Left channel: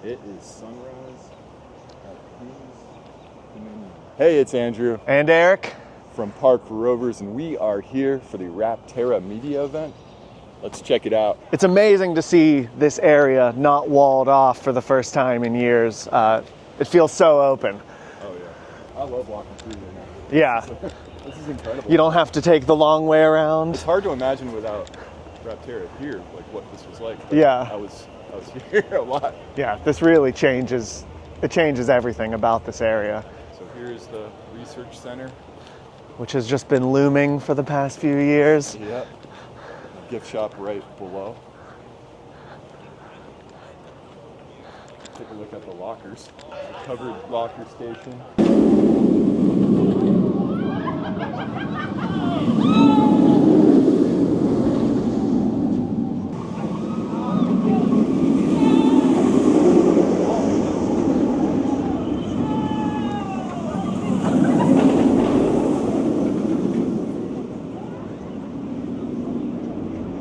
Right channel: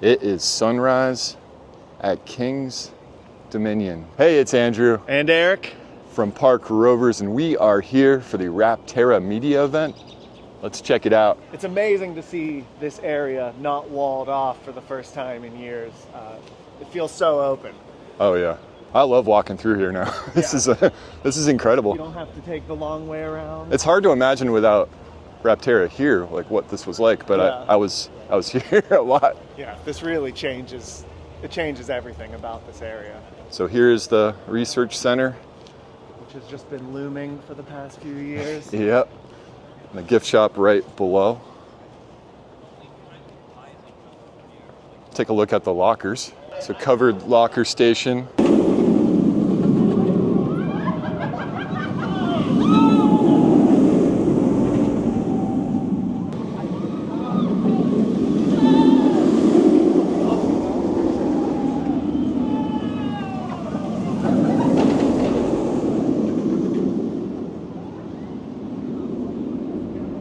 It is sunrise at King's Dominion. Hey, it's Andrew. And Eric. From Park Rovers, and we are here for the Rapterra Media event. Let's check it out. It's amazing to see this area not walled off for the first time in years. It feels so open. Oh yeah. I love walking through here now. Yeah. This is incredible. You don't have to take the long way around. It's hard to imagine without Rapterra here, like what this was like, but yeah. I was here a lot. Yeah, this really changes everything about this area. So here's the research center, which has just been looming for the past few years. Yep. And the gift shop right below. Take a look at the lockers. So covered locker station.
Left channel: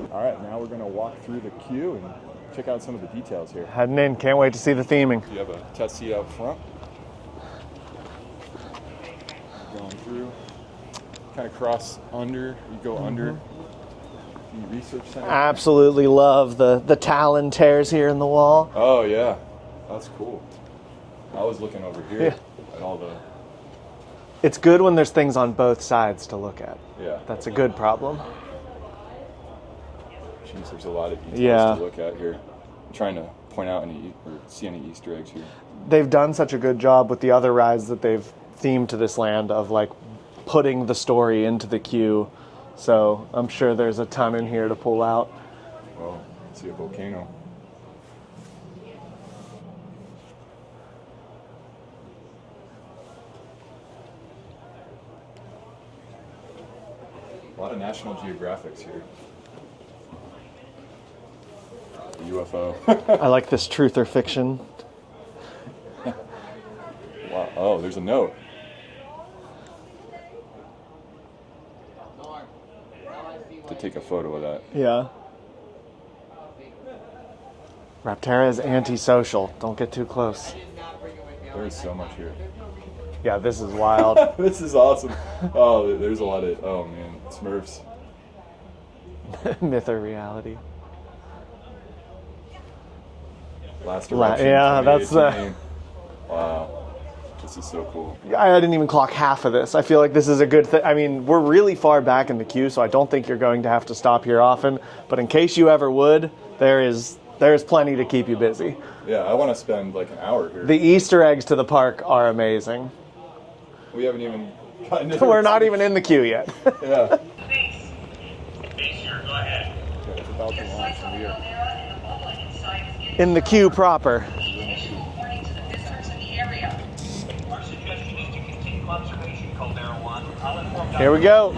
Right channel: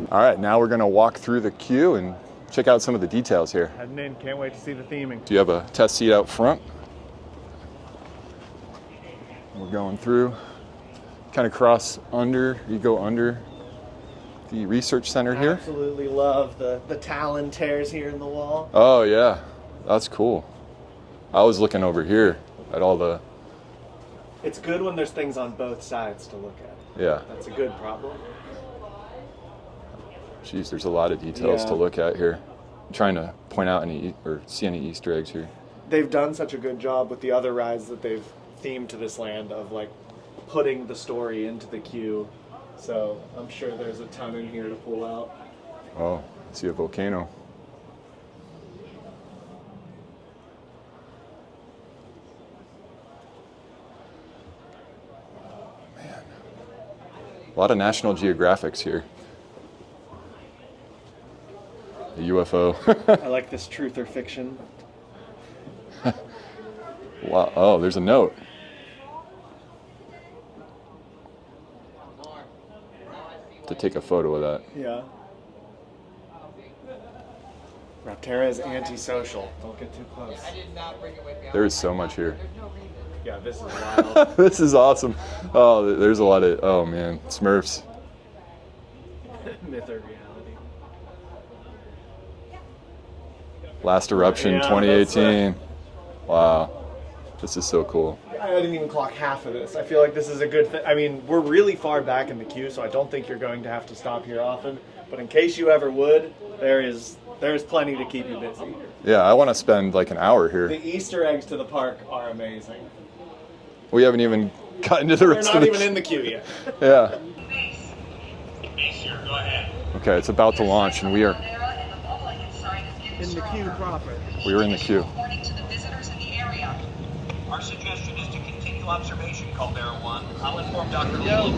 All right, now we're gonna walk through the queue and check out some of the details here. Heading in, can't wait to see the theming. Do you have a test seat out front? We're going through, kind of cross under, you go under the research center here. Absolutely love the Talon tears here in the wall. Oh yeah, that's cool. I was looking over here at all the... It's good when there's things on both sides to look at. Yeah. That's a good problem. Jeez, there's a lot of details to look at here. I'm trying to point out any, or see any Easter eggs here. They've done such a good job with the other rides that they've themed to this land of like putting the story into the queue. So I'm sure there's a ton in here to pull out. Oh, I see a volcano. Man, a lot of National Geographics here. UFO. I like this truth or fiction. Wow. Oh, there's a note. To take a photo of that. Yeah. Rapterra is antisocial. Don't get too close. There is so much here. Yeah, this is wild. This is awesome. Oh, there's a lot of, oh man, Smurfs. Myth or reality. Last eruption, yeah, 2018. Wow, this is so cool. I didn't even clock half of this. I feel like this is a good thing. I mean, we're really far back in the queue, so I don't think you're going to have to stop here often. But in case you ever would, there's plenty to keep you busy. Yeah, I want to spend like an hour here. The Easter eggs to the park are amazing. We haven't even gotten to the... We're not even in the queue yet. Yeah. Okay, it's about to launch, and we are... in the queue proper. We were in the queue. Our suggestion is to continue observation, Caldera 1. I'll inform Here we go.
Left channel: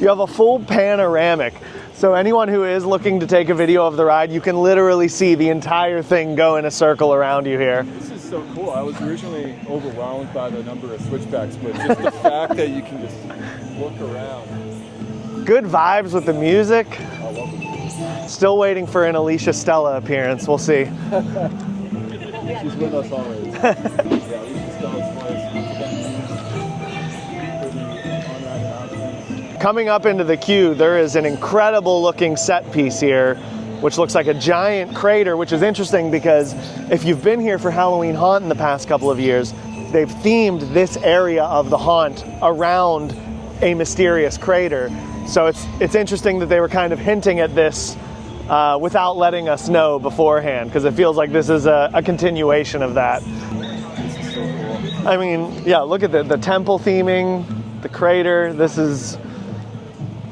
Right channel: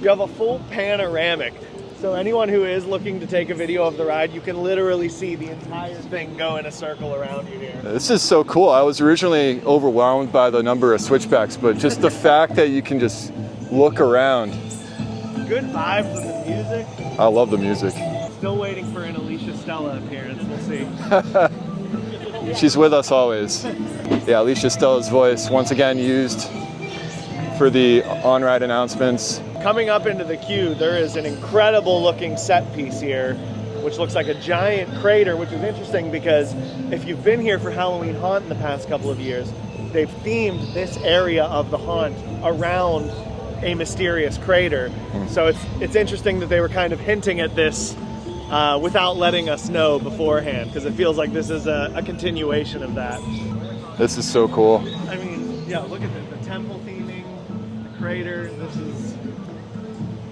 You have a full panoramic. So anyone who is looking to take a video of the ride, you can literally see the entire thing go in a circle around you here. This is so cool. I was originally overwhelmed by the number of switchbacks, but just the fact that you can just look around. Good vibes with the music. I love the music. Still waiting for an Alicia Stella appearance. We'll see. She's with us always. Yeah, Alicia Stella's voice once again used for the on-ride announcements. Coming up into the queue, there is an incredible looking set piece here, which looks like a giant crater, which is interesting because if you've been here for Halloween Haunt in the past couple of years, they've themed this area of the haunt around a mysterious crater. So it's interesting that they were kind of hinting at this without letting us know beforehand, because it feels like this is a continuation of that. This is so cool. I mean, yeah, look at the temple theming, the crater. This is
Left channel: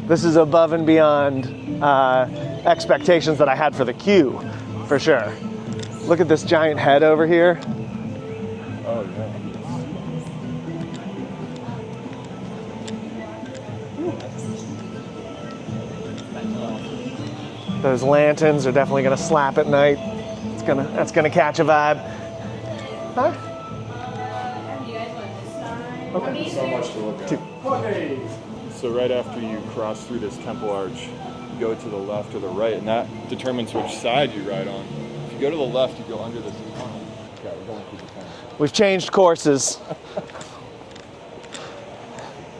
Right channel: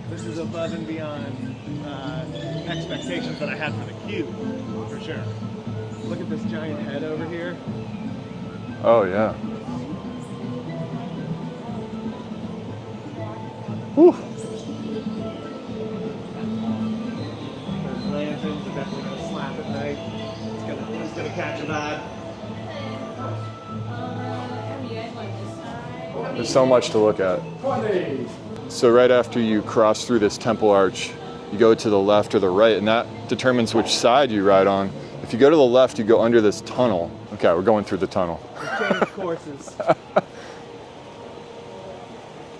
This is above and beyond expectations that I had for the Q, for sure. Look at this giant head over here. Oh yeah. Whew. Those lanterns are definitely gonna slap at night. That's gonna catch a vibe. Huh? There's so much to look at. So right after you cross through this temple arch, you go to the left or the right, and that determines which side you ride on. If you go to the left, you go under this tunnel. Okay, we're going through the tunnel. We've changed courses. So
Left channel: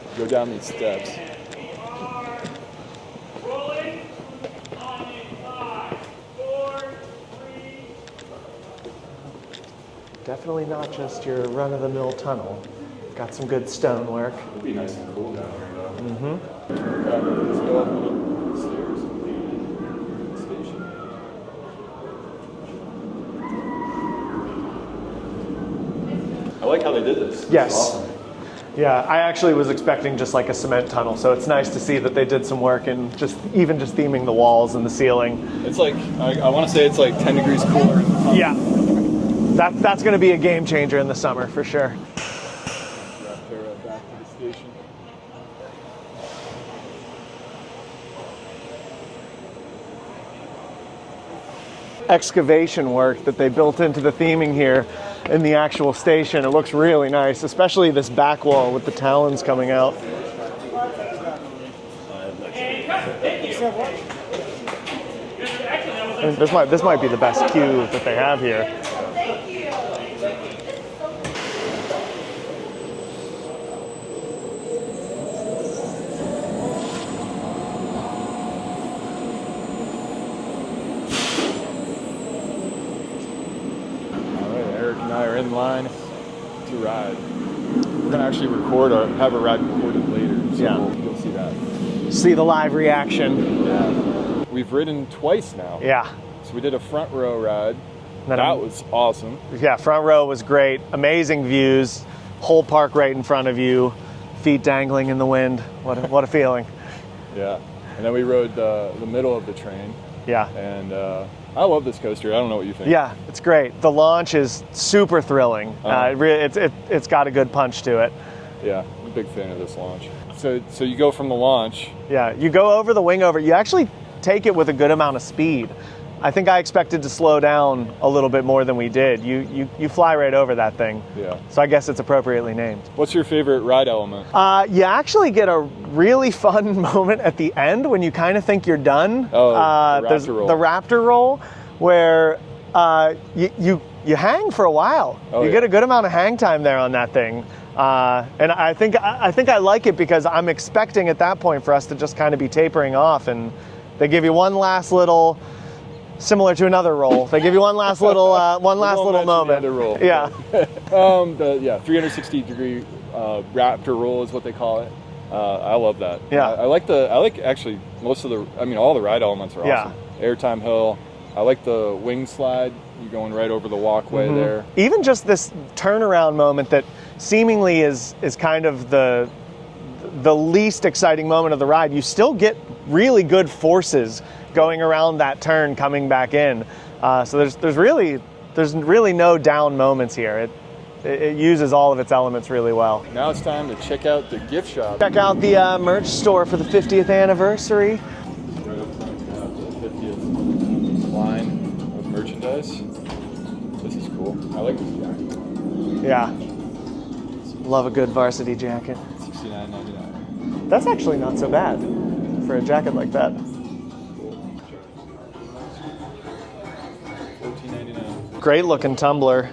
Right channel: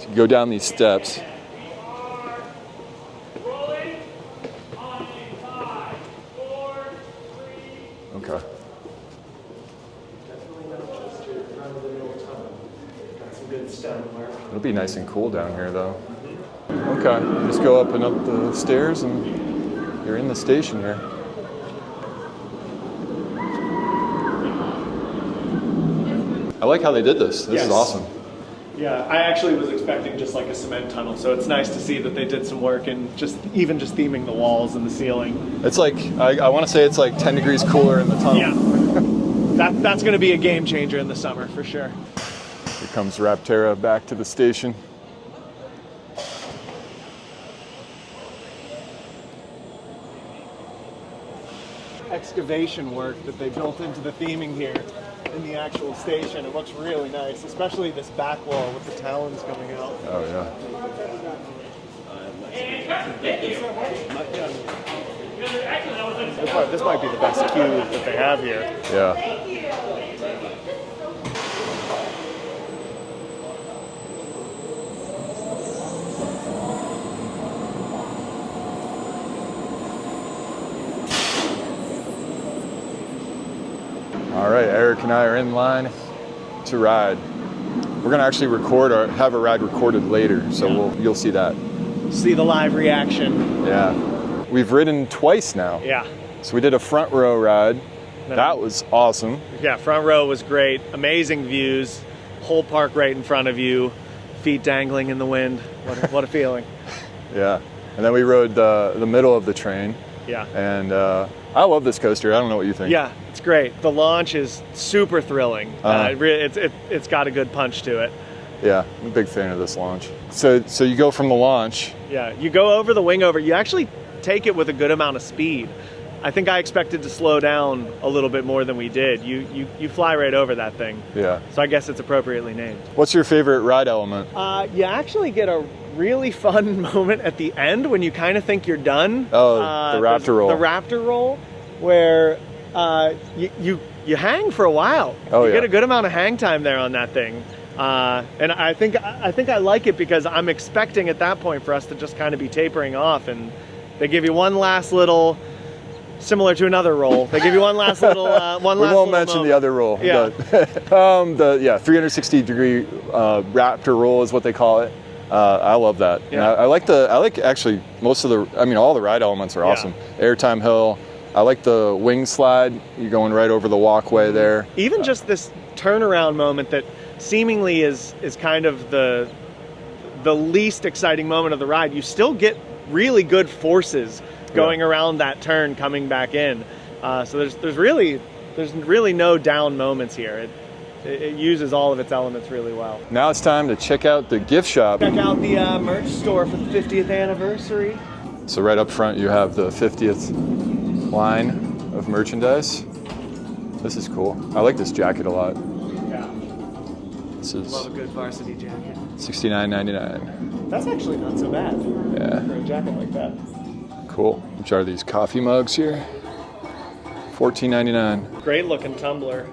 you go down these steps. Okay. Definitely not just your run-of-the-mill tunnel. Got some good stonework. It'll be nice and cool down here, though. Mm-hmm. Okay, you just go up and up the stairs, and you're in the station here. I like how they did this. This is awesome. Yeah, I actually was expecting just like a cement tunnel, so it's nice to see that they did some work in just theming the walls and the ceiling. It's like, I want to say it's like 10 degrees cooler in the tunnel. Yeah, that's going to be a game changer in the summer for sure. Here comes Rapterra back to the station. Excavation work that they built into the theming here in the actual station. It looks really nice, especially this back wall with the talons coming out. Oh, yeah. This might be the best queue that they have here. Yeah. All right, Eric and I are in line to ride. We're gonna actually have a ride recorded later, so you'll see that. See the live reaction. Yeah. We've ridden twice now. Yeah. So we did a front row ride. That was awesome. Yeah, front row was great. Amazing views. Whole park right in front of you. Feet dangling in the wind. What a feeling. Yeah. And then we rode the middle of the train. Yeah. And I love this coaster. I don't know what you think. Yeah, it's great. The launch is super thrilling. It's got a good punch to it. Yeah, I'm a big fan of this launch. So you go from the launch. Yeah, you go over the wing over. You actually take it with a good amount of speed. I think I expected to slow down a little bit more than we did. You fly right over that thing. Yeah. So I guess it's appropriately named. What's your favorite ride element? You actually get a really fun moment at the end when you kind of think you're done. Oh, the Raptor roll. The Raptor roll, where you hang for a while. You get a good amount of hang time there on that thing. And I think I like it because I'm expecting at that point for us to just kind of be tapering off, and they give you one last little, similar to another roll. They give you one last little moment. We won't mention the other roll. Yeah. The 360 degree Raptor roll is what they call it. I love that. Yeah. I like actually most of all the ride elements are awesome. Airtime hill. I like the wing slide. You're going right over the walkway there. Even just this turnaround moment that seemingly is kind of the least exciting moment of the ride. You still get really good forces going around that turn coming back in. So there's really no down moments here. It uses all of its elements really well. Now it's time to check out the gift shop. Check out the merch store for the 50th anniversary. So right up front you have the 50th line of merchandise. This is cool. I like this jacket a lot. Yeah. This is Love a good varsity jacket. $69.99. That's actually not so bad for a jacket like that. Cool. Which are these coffee mugs here? $14.99. Great looking tumbler.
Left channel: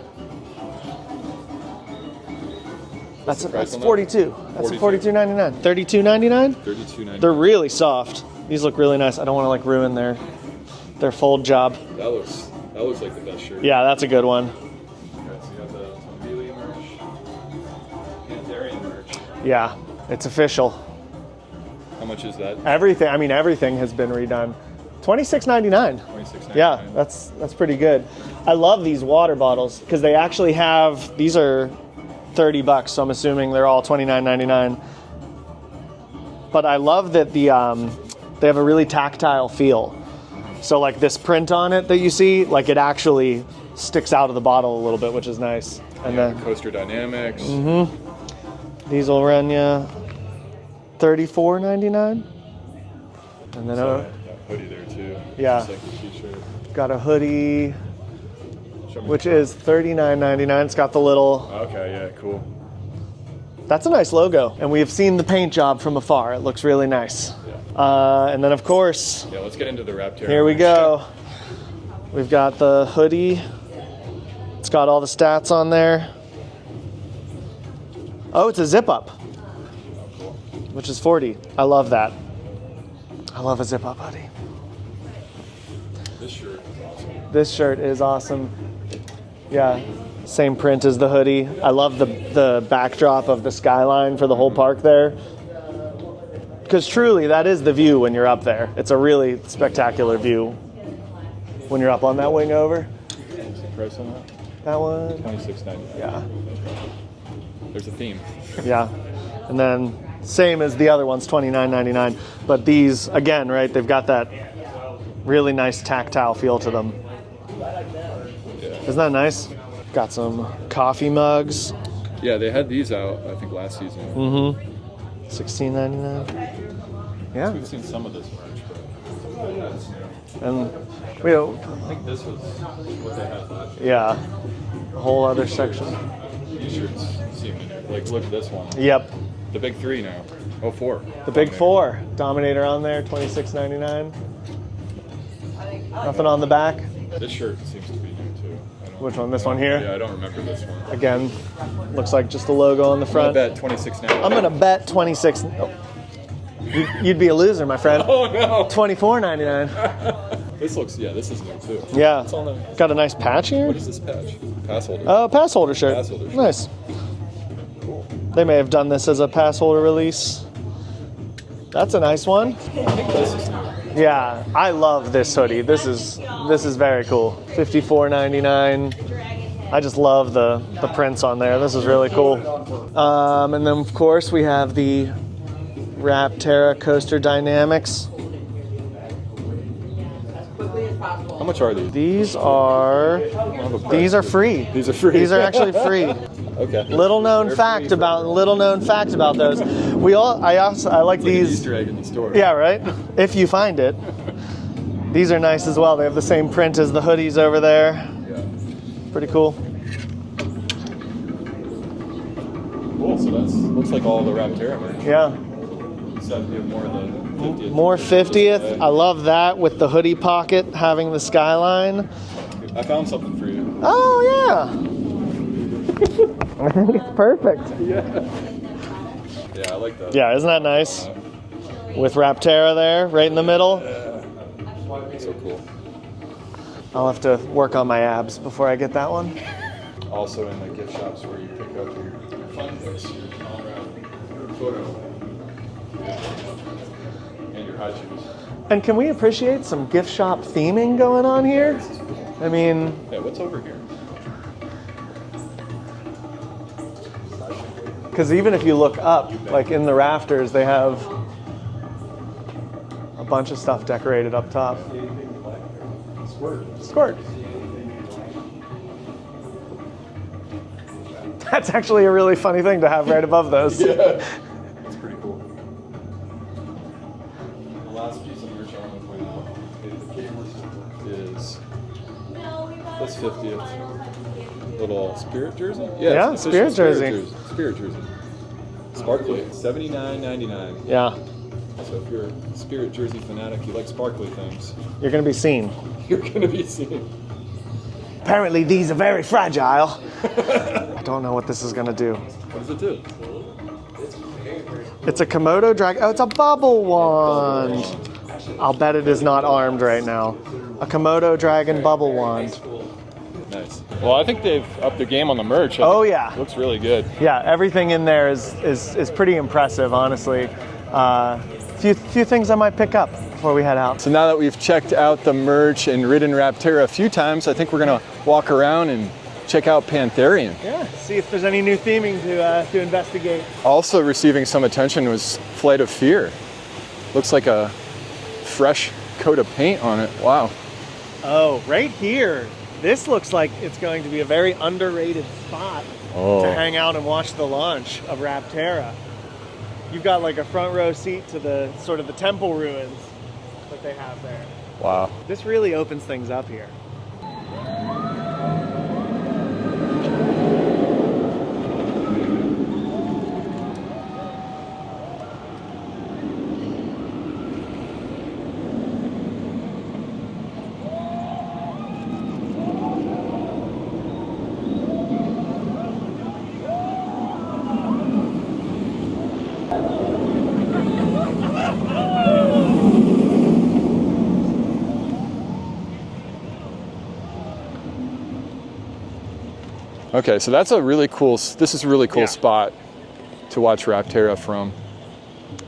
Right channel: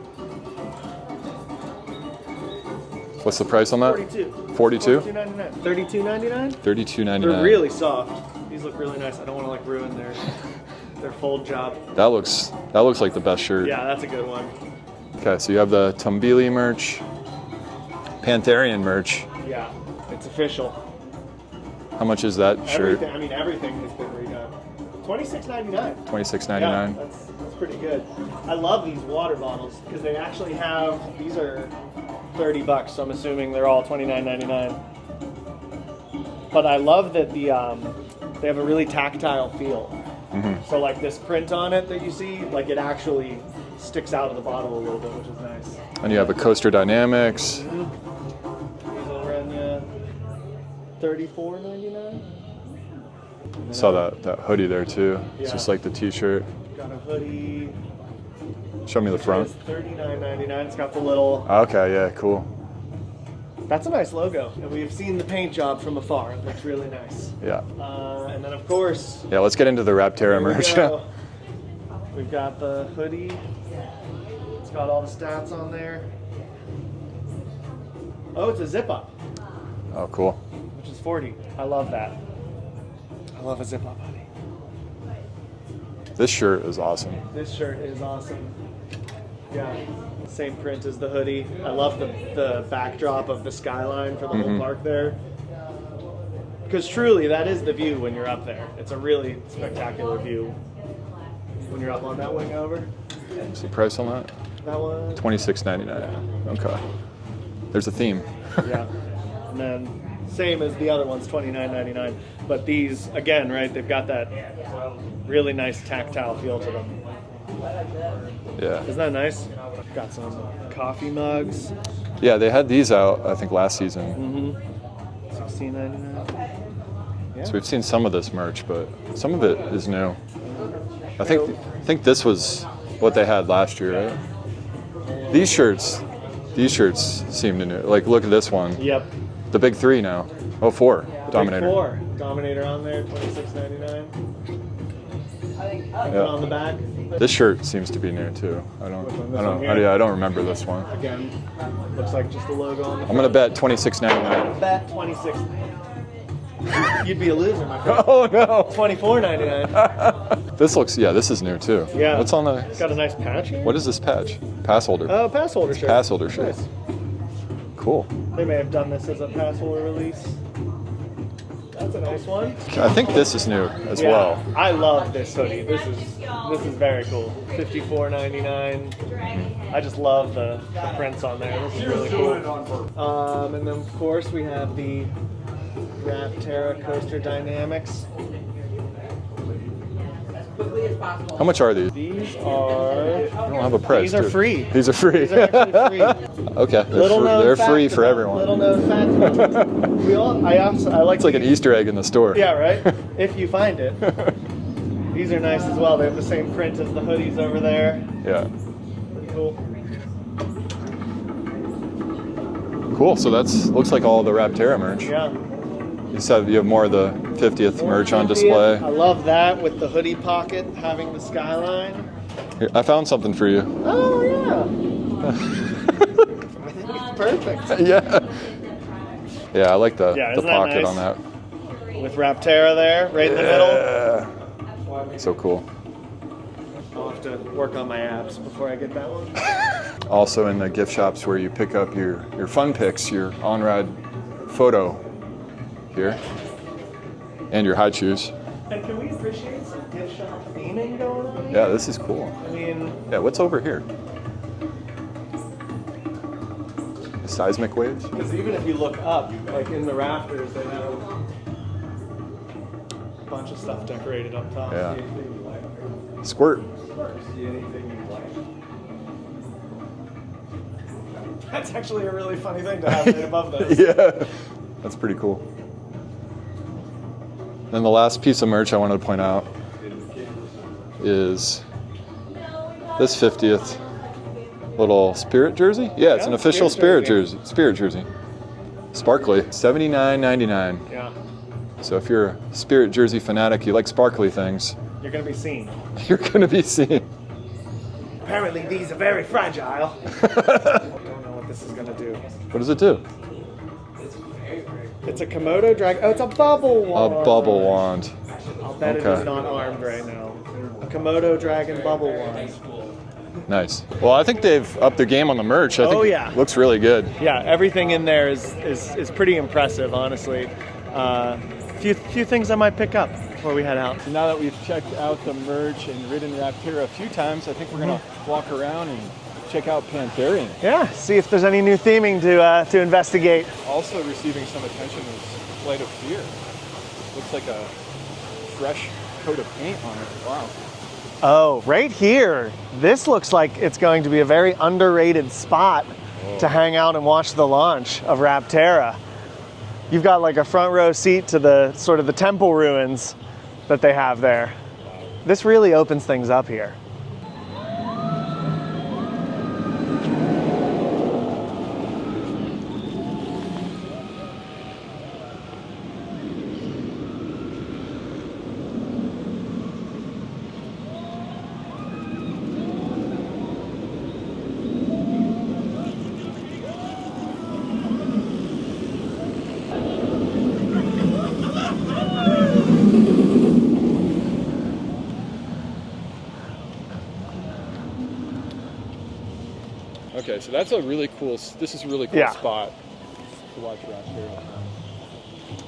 What's the price on that? $42. $42? $42.99. $32.99? $32.99. They're really soft. These look really nice. I don't want to ruin their fold job. That looks like the best shirt. Yeah, that's a good one. Okay, so you have the Tumbili merch, Pantherian merch. Yeah, it's official. How much is that? Everything. I mean, everything has been redone. $26.99. $26.99. Yeah, that's pretty good. I love these water bottles because they actually have. These are $30, so I'm assuming they're all $29.99. but I love that they have a really tactile feel. So like this print on it that you see, like it actually sticks out of the bottle a little bit, which is nice. And you have a coaster dynamics. These will run you $34.99. And then Saw that hoodie there too. Yeah. It's just like the t-shirt. got a hoodie, Show me the which front. is $39.99. It's got the little. Okay, yeah, cool. That's a nice logo, and we've seen the paint job from afar. It looks really nice. Yeah. And then of course, Yeah, let's get into the Rapterra. here we merch. go. We've got the hoodie. It's got all the stats on there. Oh, it's a zip up, Oh, cool. which is 40. I love that. I love a zip up hoodie. This shirt is awesome. This shirt is awesome. Yeah, same print as the hoodie. I love the backdrop of the skyline for the whole park there. Because truly, that is the view when you're up there. It's a really spectacular view when you're up on that wing over. What's the price on that? That one. $26.99. Yeah. Okay. There's a theme. Yeah. And then same as the other ones, $29.99. But these, again, right, they've got that really nice tactile feel to them. Yeah. Isn't that nice? Got some coffee mugs, Yeah, they had these out, I think, last season. $16.99. Yeah. So we've seen some of this merch, but some of it is new. And I think this was what they had last year. yeah. right? A whole other These shirts seem to new. Like, look at this one. Yep. The big three now. Oh, four. The big four. Dominator on there, $26.99. Nothing on the back. This shirt seems to be new too. I don't. Which one? This I don't- one here? Oh, yeah, I don't remember this one. Again, looks like just a logo on the I'm gonna front. bet $26.99. I'm gonna bet 26. Oh. You'd be a loser, my friend. Oh no! $24.99. This looks. Yeah, this is new too. Yeah. What's on the? Got a nice patch here. What is this patch? Pass holder. Pass holder shirt. Pass holder shirt. Nice. Cool. They may have done this as a pass holder release. That's a nice one. I think this is new as Yeah, well. I love this hoodie. This is very cool. $54.99. I just love the prints on there. This is really cool. And then of course we have the Rapterra Coaster Dynamics. How much are these? These are I don't have a price. these are dude. free. These are free. These are actually free. Okay. Little known They're free fact for about everyone. little known facts about those. I like It's like these. an Easter egg in the store. Yeah, right? If you find it. These are nice as well. They have the same print as the hoodies over there. Yeah. Pretty cool. Cool. So that's looks like all the Rapterra merch. Yeah. You said you have more of the 50th More merch on 50th. display. I love that with the hoodie pocket having the skyline. Here, I found something for you. Oh, yeah. I think it's perfect. Yeah. Yeah, I like the, Yeah, the isn't that pocket nice? on With Rapterra there, right in the middle. that. So cool. I'll have to work on my abs before I get that one. Also in the gift shops where you pick up your fun pics, your on-ride photo here, and your high shoes. And can we appreciate some gift shop theming going on here? Yeah, this is cool. I mean, Yeah, what's over here? The seismic waves? because even if you look up, like in the rafters, they have a bunch of stuff decorated up top. Yeah. Squirt. Squirt. That's actually a really funny thing to have right above those. Yeah. That's pretty cool. Then the last piece of merch I wanted to point out is this 50th little Spirit jersey. Yeah, it's Yeah, an official Spirit Spirit jersey. jersey. Spirit jersey. Sparkly. $79.99. Yeah. So if you're a Spirit jersey fanatic, you like sparkly things, You're going to be seen. you're gonna be seeing. Apparently, these are very fragile. Don't know what this is going to do. What does it do? It's a Komodo drag. Oh, it's a bubble wand. A bubble wand. I'll bet it is not armed right now. A Komodo dragon bubble wand. Nice. Well, I think they've upped the game on the merch. I Oh, think yeah. it looks really good. Yeah, everything in there is pretty impressive, honestly. Few things I might pick up before we head out. So now that we've checked out the merch and ridden Rapterra a few times, I think we're gonna walk around and check out Pantherian. Yeah, see if there's any new theming to investigate. Also receiving some attention was Flight of Fear. Looks like a fresh coat of paint on it. Wow. Oh, right here. This looks like it's going to be a very underrated spot to hang out and watch the launch of Rapterra. You've got like a front row seat to the sort of the temple ruins that they have there. Wow. This really opens things up here. Okay, so that's a really cool, this is a really cool spot to watch Rapterra from.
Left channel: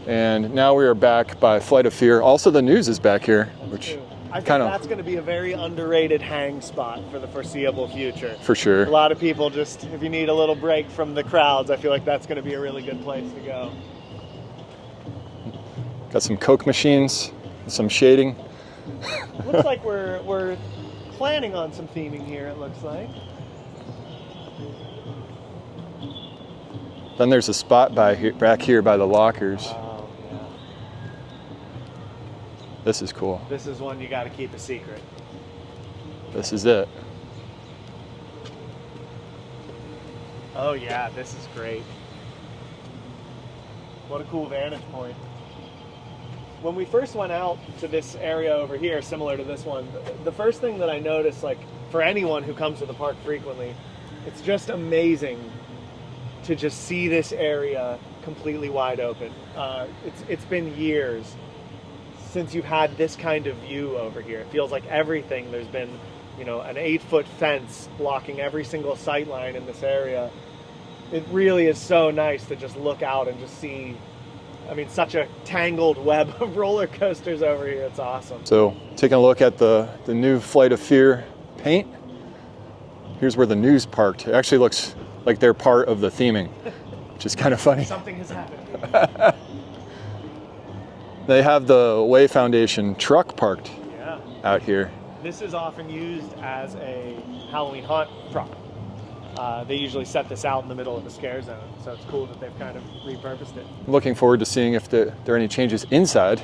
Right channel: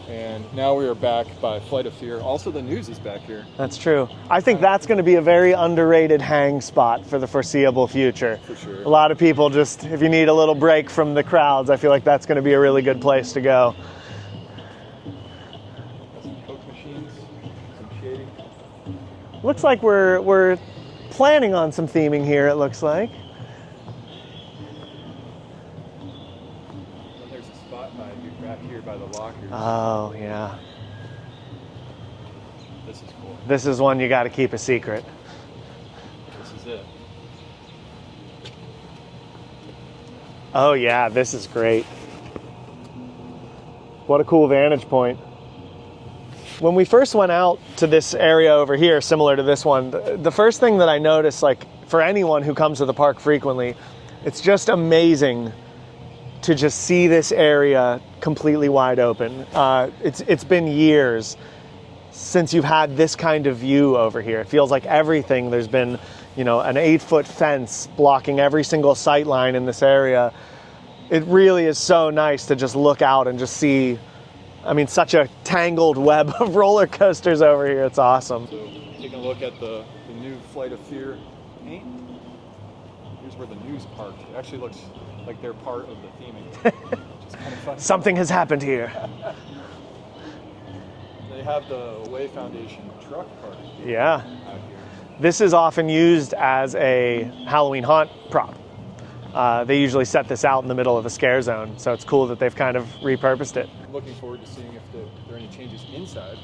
And now we are back by Flight of Fear. Also, the news is back here. That's true. I think that's going to be a very underrated hang spot for the foreseeable future. For sure. A lot of people just, if you need a little break from the crowds, I feel like that's going to be a really good place to go. Got some Coke machines, some shading. Looks like we're planning on some theming here, it looks like. Then there's a spot back here by the lockers. Oh, yeah. This is cool. This is one you got to keep a secret. This is it. Oh, yeah, this is great. What a cool vantage point. When we first went out to this area over here, similar to this one, the first thing that I noticed, like for anyone who comes to the park frequently, it's just amazing to just see this area completely wide open. It's been years since you've had this kind of view over here. It feels like everything, there's been, you know, an 8-foot fence blocking every single sight line in this area. It really is so nice to just look out and just see, I mean, such a tangled web of roller coasters over here. It's awesome. So taking a look at the new Flight of Fear paint. Here's where the news parked. It actually looks like they're part of the theming, which is kind of funny. Something has happened here. They have the Way Foundation truck parked out here. This is often used as a Halloween haunt prop. They usually set this out in the middle of a scare zone, so it's cool that they've kind of repurposed it. Looking forward to seeing if there are any changes inside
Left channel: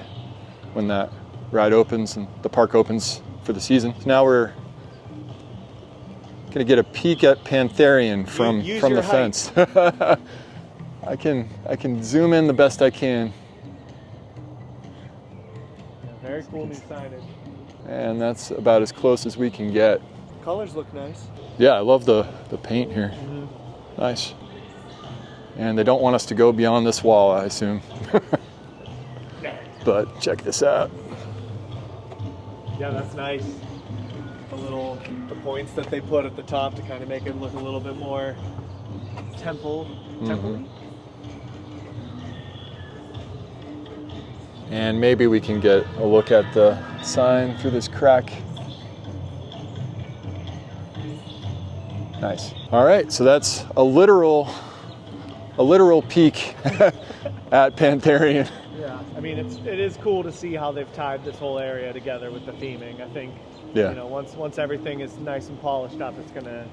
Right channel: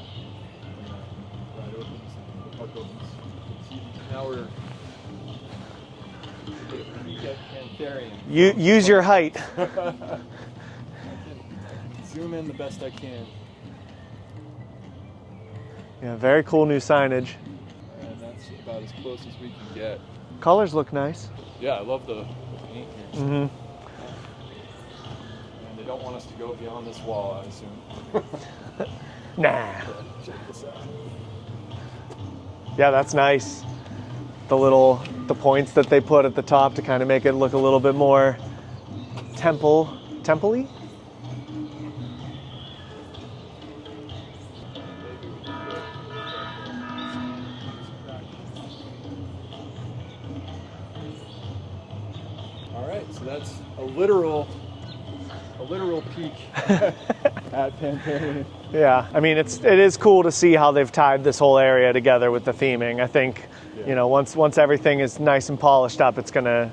when that ride opens and the park opens for the season. Now we're gonna get a peek at Pantherian from use from your the height. fence. I can zoom in the best I can. Yeah, very cool new signage. And that's about as close as we can get. Colors look nice. Yeah, I love the paint here. Nice. And they don't want us to go beyond this wall, I assume. Nah. But check this out. Yeah, that's nice. The points that they put at the top to kind of make it look a little bit more temple-y. And maybe we can get a look at the sign through this crack. Nice. All right, so that's a literal peek at Pantherian. Yeah, I mean, it is cool to see how they've tied this whole area together with the theming. I think, you know, once everything is nice and polished up, it's gonna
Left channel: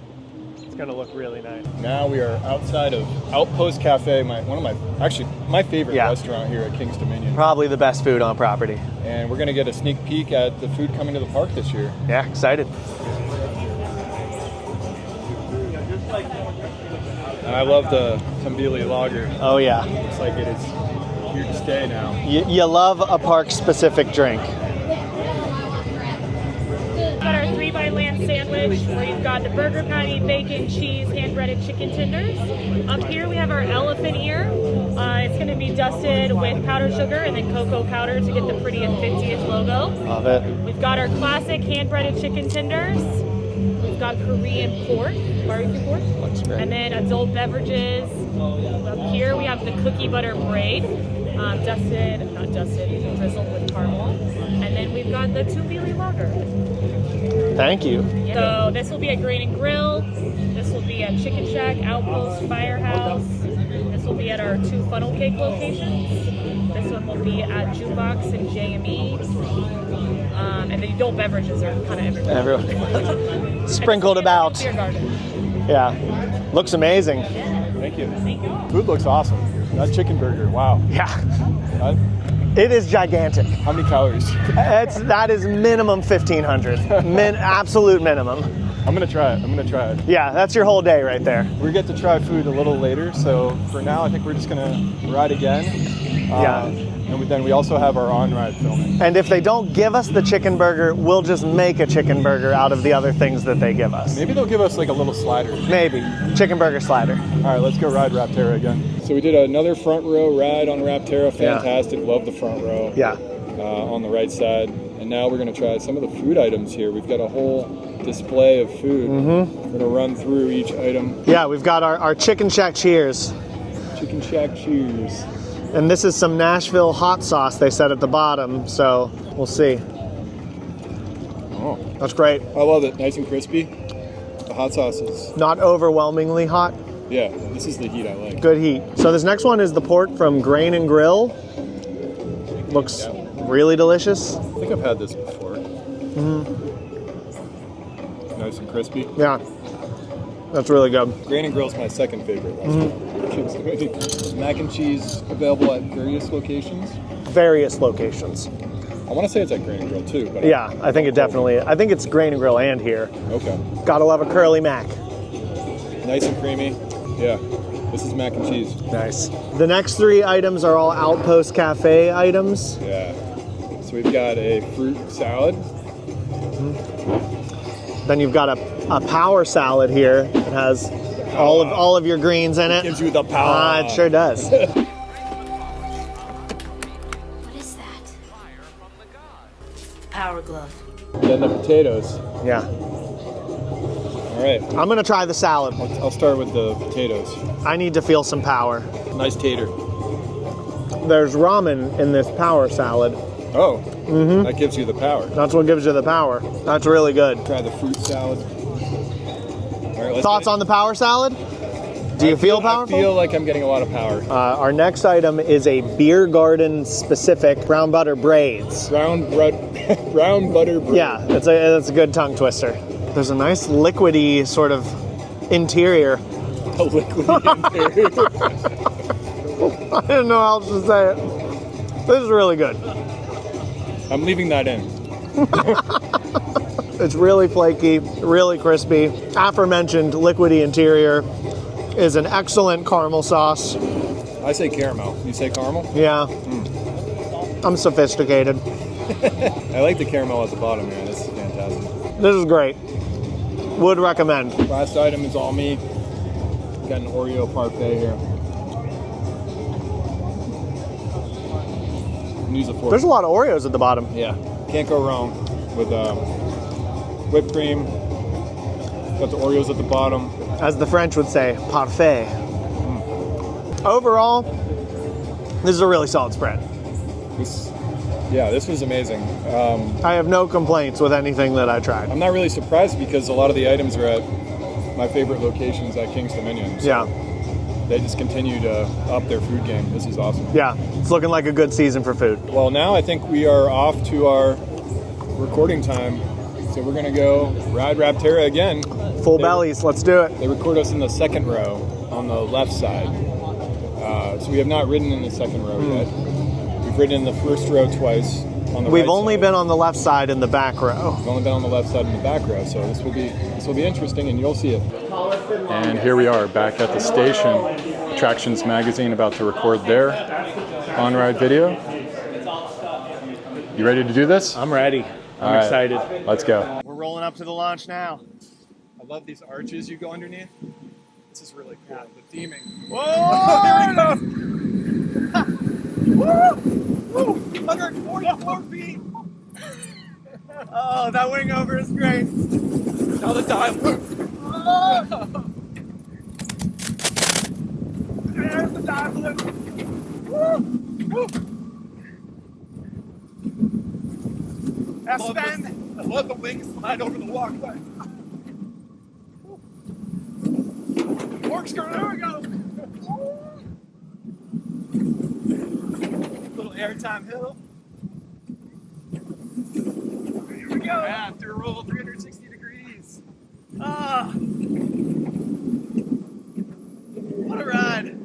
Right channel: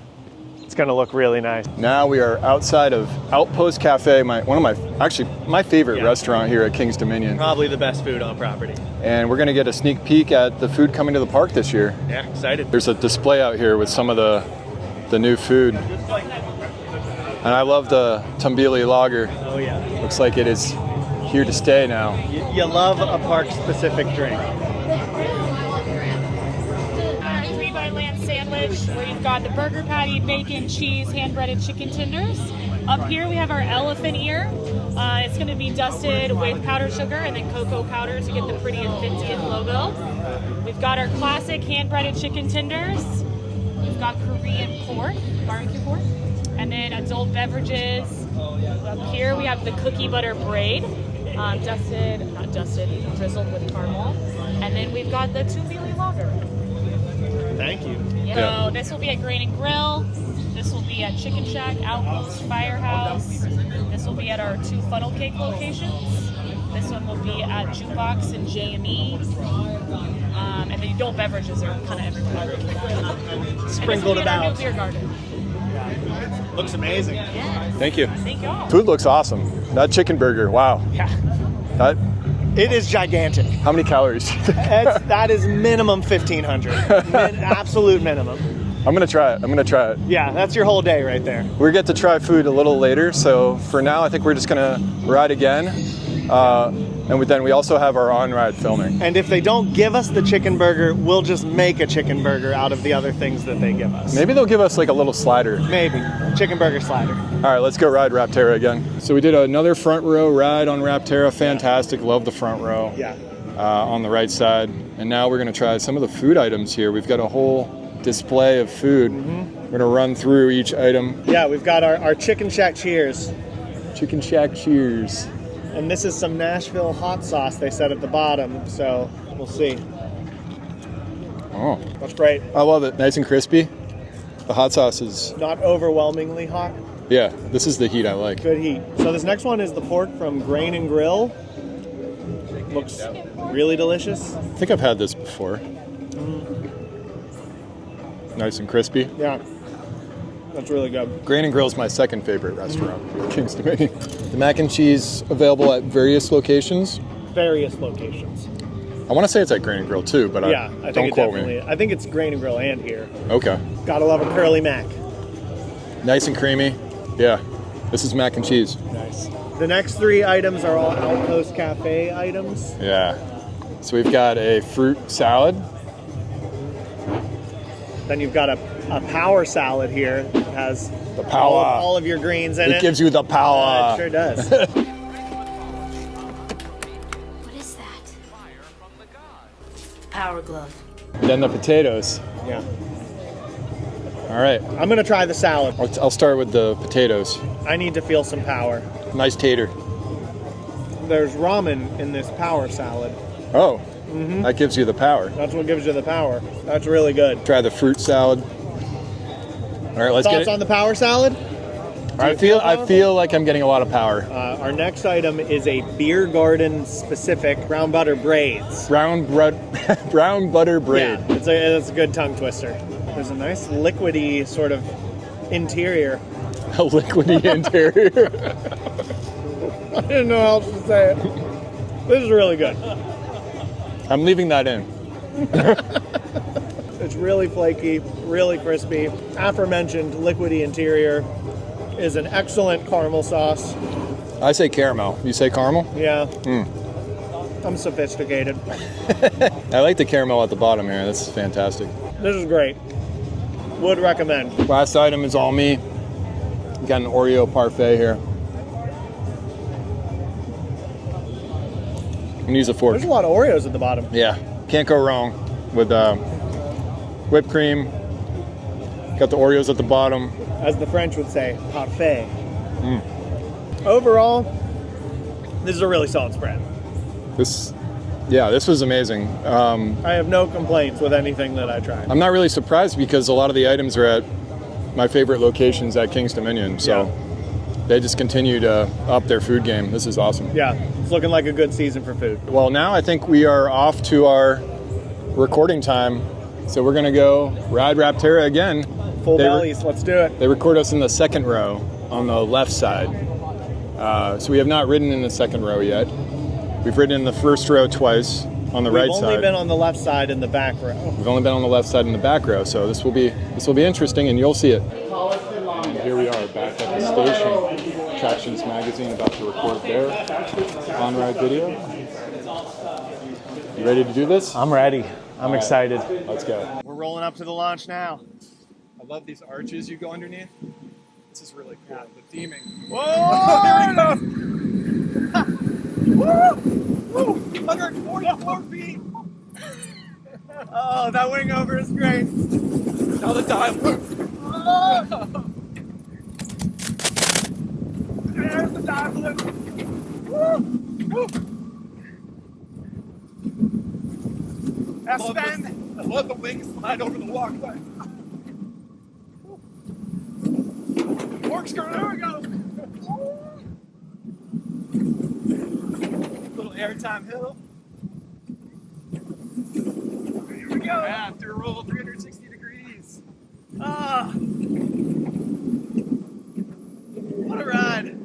look really nice. Now we are outside of Outpost Cafe, my favorite restaurant here at King's Dominion. Probably the best food on property. And we're gonna get a sneak peek at the food coming to the park this year. Yeah, excited. There's a display out here with some of the new food. And I love the Tumbili Lager. Oh yeah. Looks like it is here to stay now. You love a park-specific drink. Our 3x-land sandwich. We've got the burger patty, bacon, cheese, hand-breaded chicken tenders. Up here we have our elephant ear. It's going to be dusted with powdered sugar and then cocoa powder to get the pretty 50th logo. Love it. We've got our classic hand-breaded chicken tenders. We've got Korean pork, barbecue pork. And then adult beverages. Up here we have the cookie butter braid, drizzled with caramel. And then we've got the Tumbili Lager. Thank you. So this will be at Grain and Grill. This will be at Chicken Shack, Outpost, Firehouse. This will be at our 2 funnel cake locations. This one will be at Jukebox and JME. And the adult beverages are kind of everywhere. Sprinkled about. Beer garden. Yeah. Looks amazing. Thank you. Thank you. Food looks awesome. That chicken burger, wow. Yeah. That, It is gigantic. how many calories? That is minimum 1,500. Absolute minimum. I'm gonna try it. I'm gonna try it. Yeah, that's your whole day right there. We get to try food a little later, so for now, I think we're just gonna ride again. And then we also have our on-ride filming. And if they don't give us the chicken burger, we'll just make a chicken burger out of the other things that they give us. Maybe they'll give us like a little slider. Maybe. Chicken burger slider. All right, let's go ride Rapterra again. So we did another front row ride on Rapterra. Fantastic. Love the front row. Yeah. On the right side. And now we're gonna try some of the food items here. We've got a whole display of food. We're gonna run through each item. Yeah, we've got our Chicken Shack Cheers. Chicken Shack Cheers. And this is some Nashville hot sauce they said at the bottom, so we'll see. Oh, That's great. I love it. Nice and crispy. The hot sauce is, Not overwhelmingly hot. yeah, this is the heat I like. Good heat. So this next one is the pork from Grain and Grill. Looks really delicious. I think I've had this before. Nice and crispy. Yeah, that's really good. Grain and Grill is my second favorite restaurant. Kingston Menu. The mac and cheese available at various locations. Various locations. I want to say it's at Grain and Grill too, but Yeah, I think don't it quote me. definitely. I think it's Grain and Grill and here. Okay. Gotta love a curly mac. Nice and creamy. Yeah. This is mac and cheese. Nice. The next 3 items are all Outpost Cafe items. Yeah. So we've got a fruit salad. Then you've got a power salad here. It has all of your greens in it. It gives you the power. It sure does. What is that? Power glove. Then the potatoes. Yeah. All right. I'm gonna try the salad. I'll start with the potatoes. I need to feel some power. Nice tater. There's ramen in this power salad. Oh, that gives you the power. That's what gives you the power. That's really good. Try the fruit salad. All right, let's Thoughts get it. on the power salad? Do you feel powerful? I feel like I'm getting a lot of power. Our next item is a beer garden specific brown butter braids. Brown butter bread. Yeah, that's a good tongue twister. There's a nice liquidy sort of interior. A liquidy interior. I didn't know how else to say it. This is really good. I'm leaving that in. It's really flaky, really crispy. Aforementioned liquidy interior is an excellent caramel sauce. I say caramel. You say caramel? Yeah. I'm sophisticated. I like the caramel at the bottom here. This is fantastic. This is great. Would recommend. Last item is all me. Got an Oreo parfait here. I'm gonna use a fork. There's a lot of Oreos at the bottom. Yeah, can't go wrong with whipped cream. Got the Oreos at the bottom. As the French would say, parfait. Overall, this is a really solid spread. This was amazing. I have no complaints with anything that I tried. I'm not really surprised because a lot of the items are at my favorite locations at King's Dominion. So they just continue to up their food game. This is awesome. Yeah, it's looking like a good season for food. Well, now I think we are off to our recording time. So we're gonna go ride Rapterra again. Full bellies, let's do it. They record us in the second row on the left side. So we have not ridden in the second row yet. We've ridden in the first row twice on the right We've side. only been on the left side in the back row. We've only been on the left side in the back row, so this will be interesting, and you'll see it. And here we are back at the station. Attractions Magazine about to record their on-ride video. You ready to do this? I'm ready. I'm excited. Let's go. We're rolling up to the launch now. I love these arches you go underneath. This is really cool. The theming. Whoa! Here we go. Woo! 144 feet! Oh, that wing over is great. Now the dive. There's the dive loop. Woo! Aspen! I love the wing slide over the walkway. Corkscrew, there we go! Maritime Hill. Here we go. After a roll 360 degrees. Ah. What a ride.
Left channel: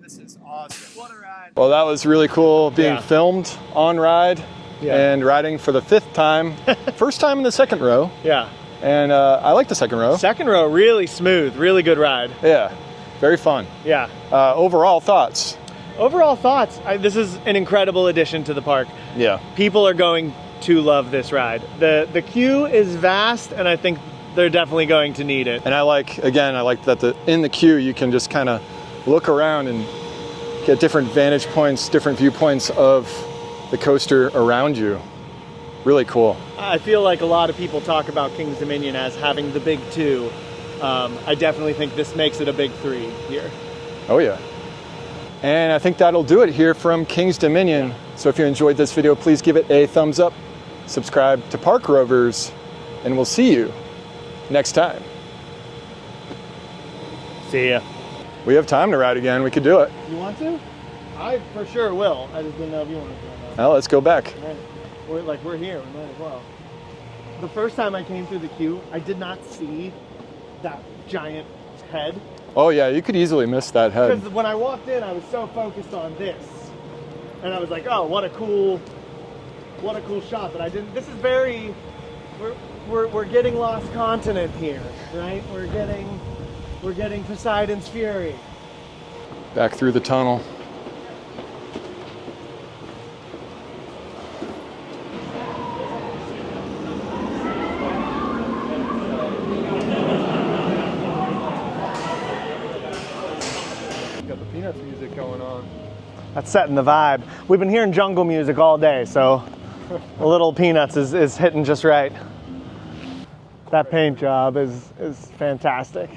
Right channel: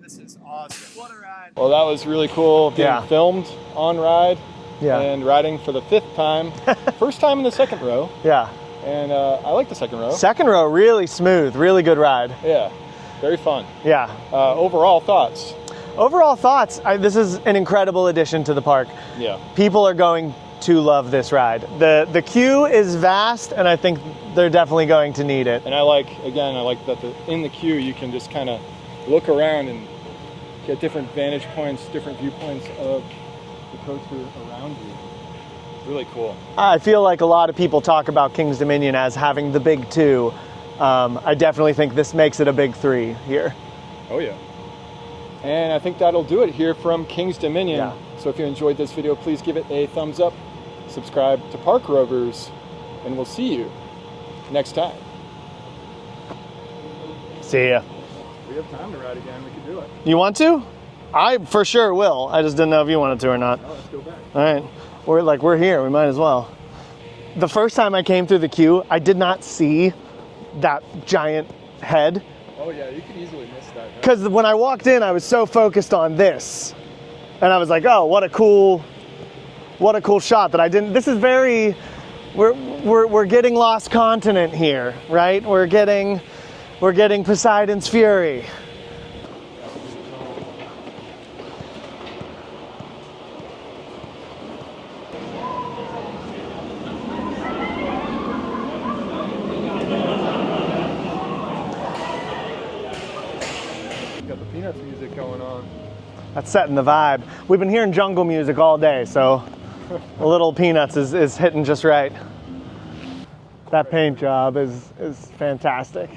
This is awesome. What a ride. Well, that was really cool being filmed on ride and riding for the 5th time. First time in the 2nd row. Yeah. And I like the 2nd row. 2nd row, really smooth, really good ride. Yeah, very fun. Yeah. Overall thoughts? Overall thoughts, this is an incredible addition to the park. Yeah. People are going to love this ride. The queue is vast, and I think they're definitely going to need it. And I like that in the queue you can just kind of look around and get different vantage points, different viewpoints of the coaster around you. Really cool. I feel like a lot of people talk about King's Dominion as having the big 2. I definitely think this makes it a big 3 here. Oh yeah. And I think that'll do it here from King's Dominion. Yeah. So if you enjoyed this video, please give it a thumbs up, subscribe to Park Rovers, and we'll see you next time. See ya. We have time to ride again. We could do it. You want to? I for sure will. I just didn't know if you wanted to or not. Well, let's go back. All right. We're here. We might as well. The first time I came through the queue, I did not see that giant head. Oh yeah, you could easily miss that head. Because when I walked in, I was so focused on this, and I was like, "Oh, what a cool shot!" That I didn't. This is very. We're getting Lost Continent here, right? We're getting Poseidon's Fury. Back through the tunnel. Got the Peanuts music going on. That's setting the vibe. We've been hearing jungle music all day, so a little Peanuts is hitting just right. That paint job is fantastic.